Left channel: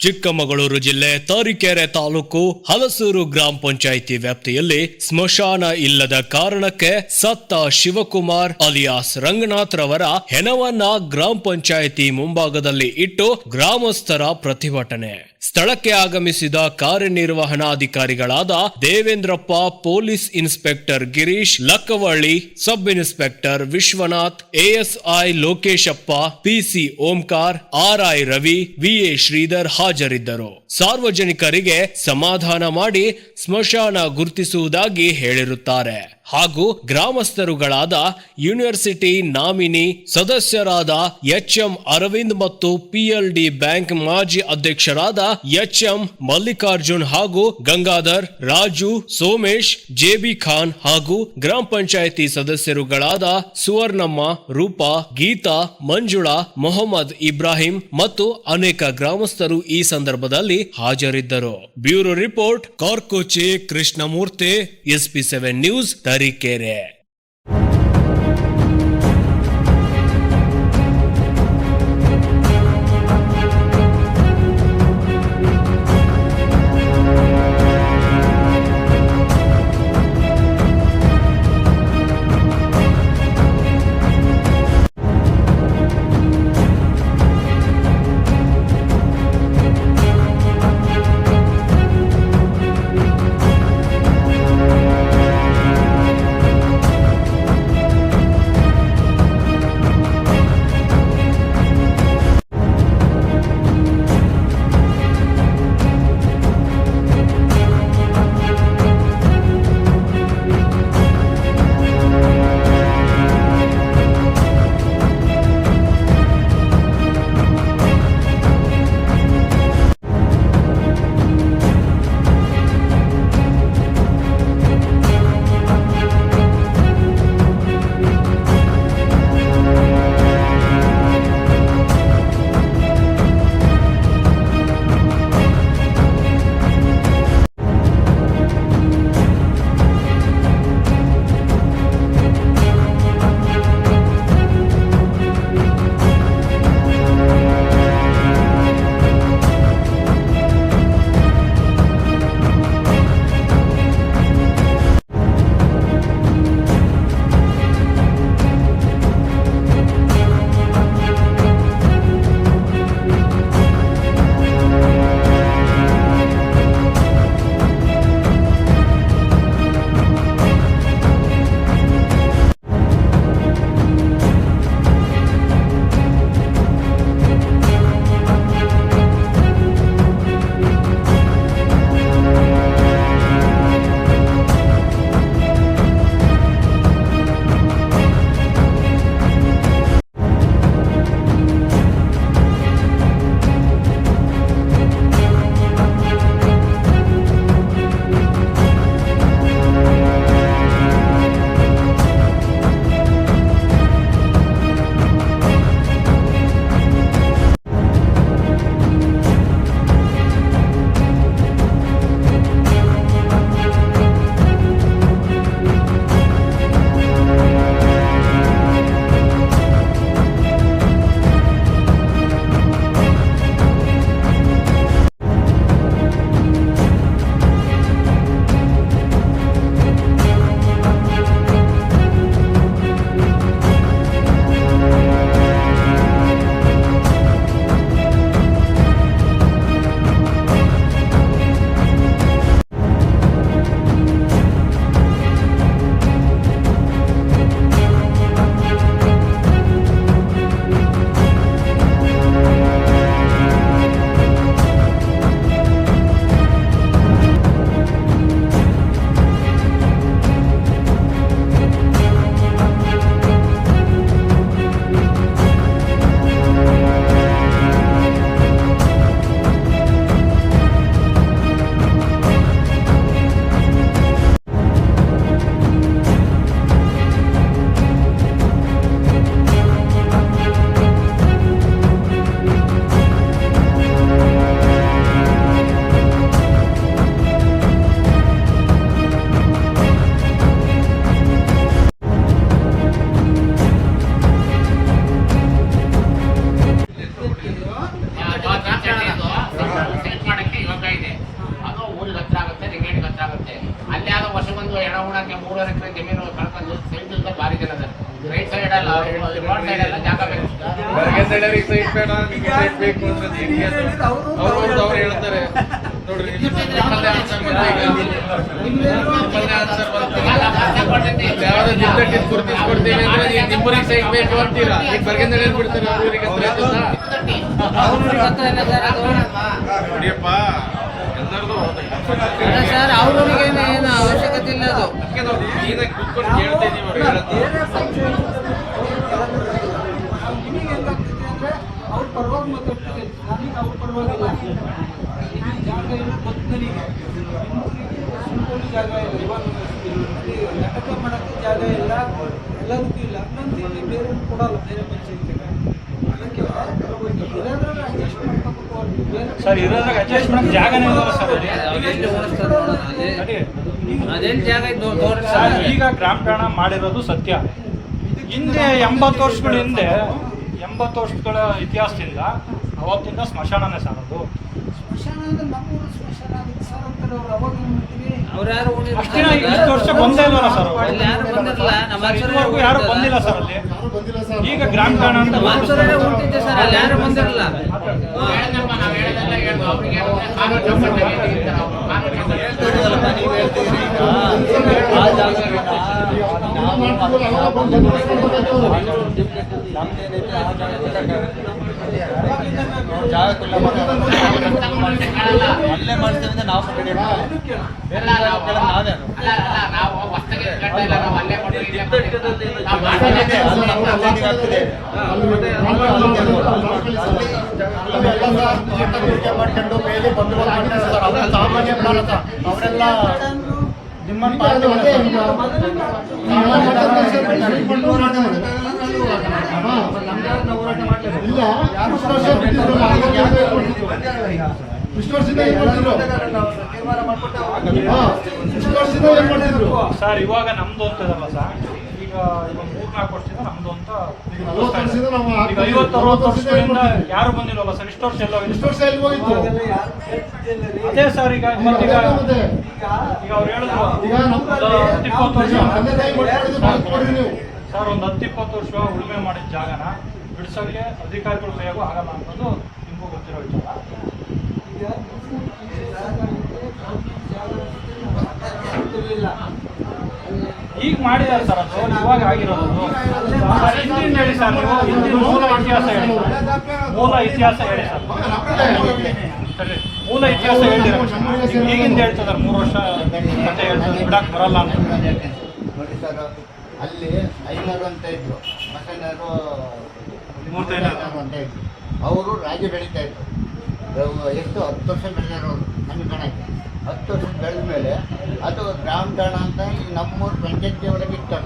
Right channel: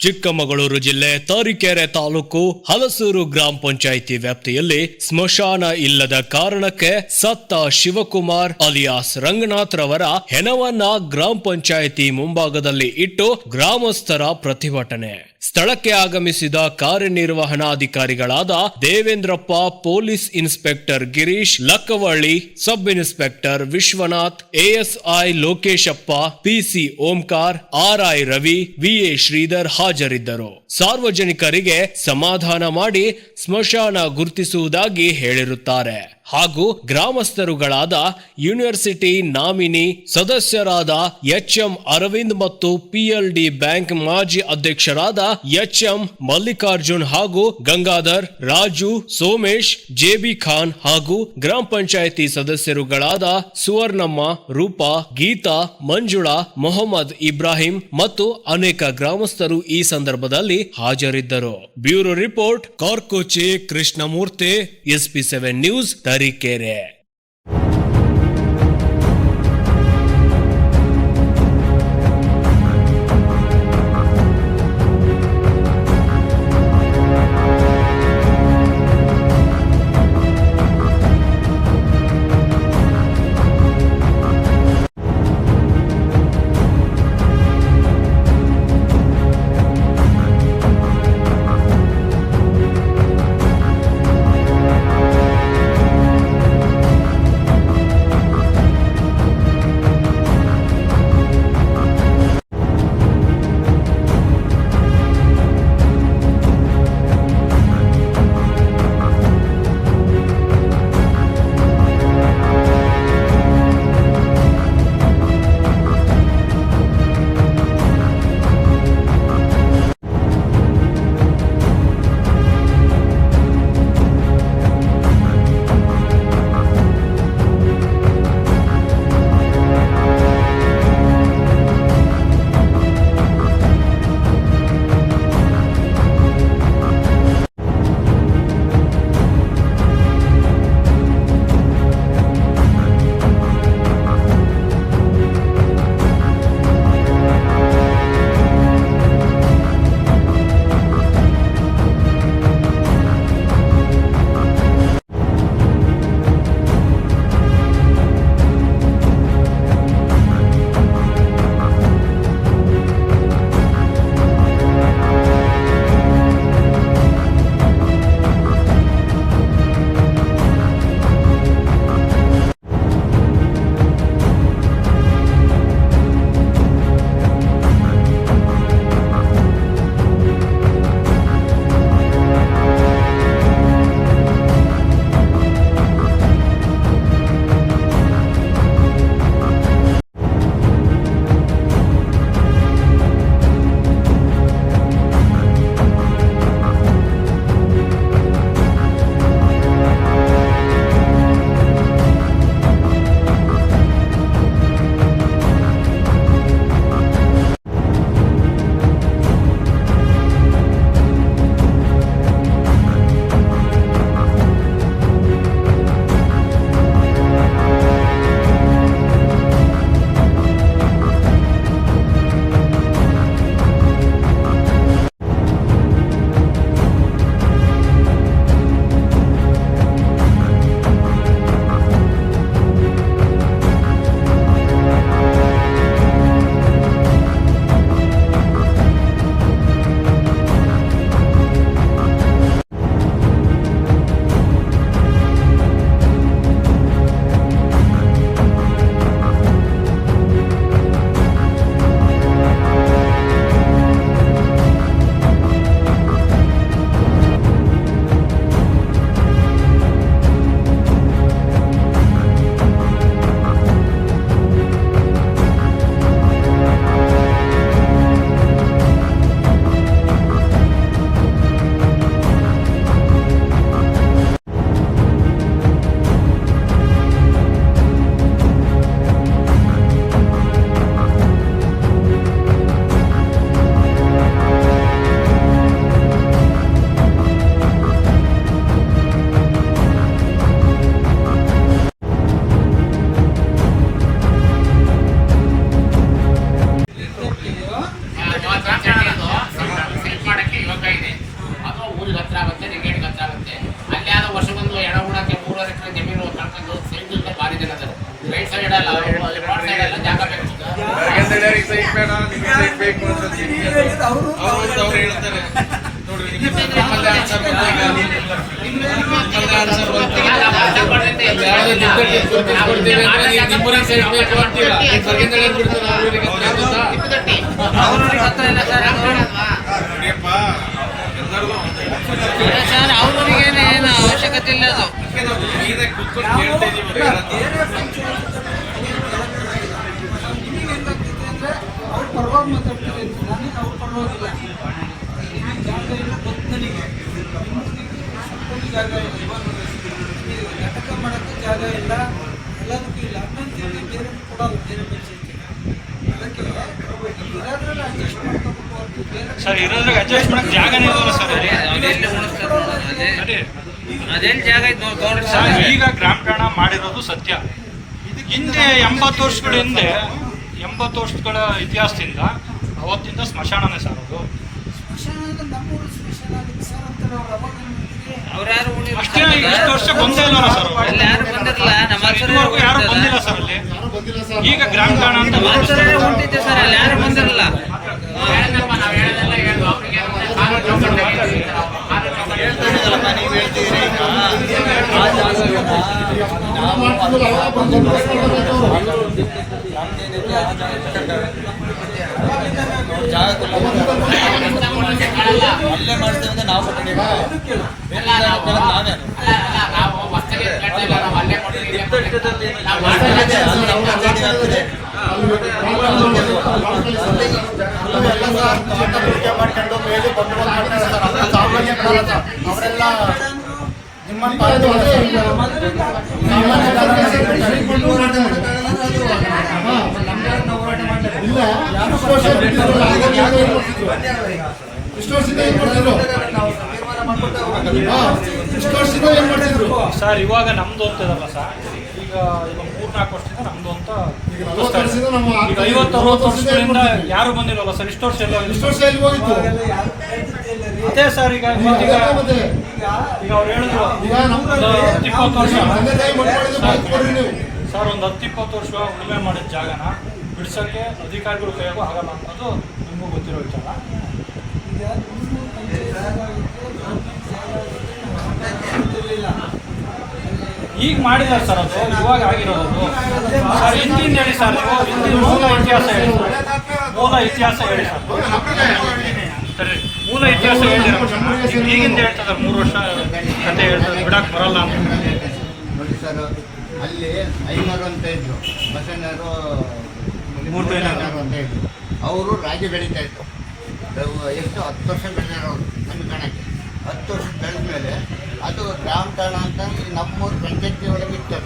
ಚಿಕ್ಕಮಗಳೂರು ಜಿಲ್ಲೆ ತರೀಕೆರೆ ತಾಲೂಕು ಹಲಸೂರು ಗ್ರಾಮ ಪಂಚಾಯಿತಿ ವ್ಯಾಪ್ತಿಯಲ್ಲಿ ಸ್ಮಶಾನ ಇಲ್ಲದ ಕಾರಣಕ್ಕೆ ಸತ್ತ ಶಿವಕುಮಾರ್ ಅಲಿಯಾಸ್ ರಂಗನಾಥ್ ರವರ ಹೆಣವನ್ನ ಗ್ರಾಮ ಪಂಚಾಯಿತಿ ಮುಂಭಾಗದಲ್ಲಿ ಇಟ್ಟು ಗ್ರಾಮಸ್ಥರ ಪ್ರತಿಭಟನೆ. ಸ್ಥಳಕ್ಕೆ ಆಗಮಿಸಿದ ಕಾರ್ಯನಿರ್ವಹಣಾಧಿಕಾರಿಗಳಾದ Devendrappa, police inspector Girish, Lakkavalli sub inspector Vishwanath, ASI Lokeshappa, PC Omkar, RI Ravi, VA Sridhar ಹಾಜರಿದ್ದರು. ಸಾರ್ವಜನಿಕರಿಗೆ ಸಮಾಧಾನ ಮಾಡಿ ಸ್ಮಶಾನ ಗುರುತಿಸುವುದಾಗಿ ಹೇಳಿರುತ್ತಾರೆ ಹಾಗೂ ಗ್ರಾಮಸ್ಥರುಗಳಾದ ಯೂನಿವರ್ಸಿಟಿ ನಾಮಿನಿ ಸದಸ್ಯರಾದ ಎಚ್ಎಂ ಅರವಿಂದ್ ಮತ್ತು ಪಿಎಲ್ಡಿ ಬ್ಯಾಂಕ್ ಮಾಜಿ ಅಧ್ಯಕ್ಷರಾದ ಎಚ್ಎಂ ಮಲ್ಲಿಕಾರ್ಜುನ್ ಹಾಗೂ ಗಂಗಾಧರ್, ರಾಜು, ಸೋಮೇಶ್, ಜೆಬಿ ಖಾನ್ ಹಾಗೂ ಗ್ರಾಮ ಪಂಚಾಯಿತಿ ಸದಸ್ಯರುಗಳಾದ ಸುವರ್ಣಮ್ಮ, ರೂಪಾ, ಗೀತಾ, ಮಂಜುಳಾ, ಮೊಹಮ್ಮದ್ ಇಬ್ರಾಹಿಂ ಮತ್ತು ಅನೇಕ ಗ್ರಾಮಸ್ಥರು ಈ ಸಂದರ್ಭದಲ್ಲಿ ಹಾಜರಿದ್ದರು. Bureau report Karkoche Krishnamurthy, SP7 news, Tarikere. ಎಲ್ಲರಿಗೂ ಸೈಟ್ ಬೇಡ, ನಿಮ್ಗೆ ಸೈಟ್ ಬೇಕು ಅಂತ ಅವ್ರು ಹೇಳ್ತಾರೆ. ನೋಡ್ರಿ ನಿಮ್ಮಲ್ಲೇ ಆನ್ಸರ್ ಯಾವ್ದು ಜಿದ್ದಕ್ಕೆ ಗುರುತಿಸ್ಕೊಡ್ತೀವಿ ಅಂದ್ರೆ ನಿಮ್ಮೂರಿಗೆ ಸೈಟ್ ಬೇಕು ಅಂತೀರಾ. ಈಗ ಬರ್ಗಿಂದ ಹೇಳ್ಬಿಡ್ತಾರೆ ಅವ್ರಿಗೆ ನೋಡಿಯಪ್ಪ ಸರ್ ಅವ್ರಿಗೆ ಏನು ಅವಶ್ಯಕತೆ ಇಲ್ಲ. ಅದು ನೀರಾಗಿ ಕುತ್ಕೊಂಡು ಕೇಳ್ತಾ ಇದೀವಿ. ಅವ್ರ ಪರವಾಗಿ ಮಾತಾಡ್ತೀವಿ, ನನಗೆ ಅವ್ರ ಪರವಾಗಿಲ್ಲ. ಜಾಗ ಇಲ್ಲ ಗೊತ್ತು ನನಗೆ, ಜಾಗ ಇಲ್ಲ. ಇವಾಗ ನಾಟಕ ಮಾಡೋಕ್ಕೆ ಜಾಗ ಇಲ್ಲ, ಎಲ್ಲದಕ್ಕೂ ಇಲ್ಲ ಅನ್ನಂತೇಳಿ ಬೇರೆ ಕೊಡಲ್ಲ, ಬೇರೆ ಪಂಚಾಯತಿಗೆ. ಅದಕ್ಕೆ ಇರೋದ್ರಲ್ಲಿ ಅಡ್ಜಸ್ಟ್ ಮಾಡ್ಕೋಬೇಕು ಅವ್ರಿಗೆ. ಬೇರೆ ಸರ್ ಇರೋದ್ರಾಗ ಅಡ್ಜಸ್ಟ್ ಮಾಡಕ್ಕೆ ಜಾಗನೇ ಇಲ್ಲವಲ್ಲ ಸರ್. ಅದೆಲ್ಲಿ ಉಣಿಸ್ತಾರೆ ಅದೆಲ್ಲಿ ಜಾಗ ಇದ್ದು ನೋಡ್ರಿ ಸರ್ ಸರ್. ಈಗ ಗ್ರಾಮ ಠಾಣ ಮಾಡಿರೋದು ಸತ್ಯ. ಹಿಂದೆ 80 ವರ್ಷಗಳ ಹಿಂದೆ 80 ವರ್ಷಗಳ ಇತಿಹಾಸದಿಂದ ಅವತ್ತಿಂದ ಸ್ಮಶಾನನೇ ಸರ್ ಅದು. ಸ್ಮಶಾನ ಅಂದ್ರೆ ನಮ್ಮೂರು ಸ್ಮಶಾನ ಆಗಿತ್ತು ಸರ್ ಅಂತಾರೆ ಅವ್ರು. ಅವಾಗ ಅವ್ರು ಯಾರು ಅಷ್ಟೇ ಇಷ್ಟು ವರ್ಷ ಬಂದೇ ಇಲ್ಲ ಸರ್. ಅಲ್ಲಿ ಯಾರು ಬಂದಿರಲ್ಲ. ನಮ್ಮ ಇದುವರೆಗೂ ಯಾರು ಬಂದಿಲ್ಲ ಸರ್ ಅಲ್ಲಿ. ಈಗ ಗ್ರಾಮ ಠಾಣ ಅಂತ ಮಾಸ್ತರೇ ಹೊಂಟಿದ್ದೆ ಸರ್, ಅಲ್ಲಿ ಯಾರು ಬಂದಿರಲ್ಲ. ಅಲ್ಲೇ ಮಾಡ್ತೇವೆ ಅಂತ ನಾವು ಬೇರೆ ನಾವೇನು ಅವರೆಲ್ಲ ನಿಮ್ಮನ್ನು ಸರ್ ಇವಾಗ ನಮ್ದು ಅಂತ ಇದಲ್ಲ ಸರ್. ಈಗ 3-4 ವರ್ಷದಿಂದ ನಮ್ದು ಅಂತ ಈಗ 50-60 ವರ್ಷಗಳಿಂದ ಯಾರು ಬಂದಿಲ್ವಲ್ಲ ಸರ್. ಇಷ್ಟು ವರ್ಷ ಎಲ್ಲ ಅದೇ ಸರ್. ಈಗ ಅವ್ರು ಹೇಳಿದ್ರು 10-20 ವರ್ಷ ಸರ್, ಒಂದು 10-20 ವರ್ಷ ಉಳುಮೆ ಮಾಡಿದ ಜಾಗನ ಬಿಡ್ಸೋಕ್ಕೆ ಅಧಿಕಾರಿಗಳು ಕೈಯಾಗೂ ಆಗಲ್ಲ ಅನ್ನೋದು ನಿಮಗೂ ಗೊತ್ತಿರೋ ವಿಚಾರ. ಈಗ ಮಾಡಿದ್ದಾರೆ ಸರ್, ಅದು ಇವಾಗ ಆಗಿರೋದು ಸರ್. ಹಿಂದಿನ ಹೇಳಿ ಸರ್, ನೀವು ಹಿಂದಿನ ಮೂಲ ಇತಿಹಾಸ ಹೇಳಿ ಸರ್. ಮೂಲ ಇತಿಹಾಸ ಹೇಳಿ ಸರ್. ಸರಿ, ಮೂಲ ಇತಿಹಾಸ ಹೇಳಿರ ಈಗಿಂದ ಹೇಳ್ತದೆ 3 ವರ್ಷ ಕತೆ ಹೇಳ್ತದೆ, ಬಿಡಕ್ಕೆ ಬರಲ್ಲ ಅಂತ. ನೋಡಿ ಸರ್, ಅಲ್ಲಿ ಐನೂರು ಅಂತ ಇದ್ರು, ಮಸಣ್ಣರು ಅಂತ ಇದ್ರು. ಅವರು ರಾಗಿ ಬೆಳೀತಾ ಇದ್ರು. ಎಷ್ಟು 10 ವರ್ಷ ಬೆಳೆದಿರೋರು ನಮ್ಮ ಕಣಕ್ಕೆ. 10 ವರ್ಷ ಬೆಳೆದ ಮೇಲೆ ಅದು ಗ್ರಾಮ ಠಾಣ ಅಂತ ನಮ್ಮೂರು ಪಂಚಾಯತಿ ಒಳಗೆ ಇತ್ತು.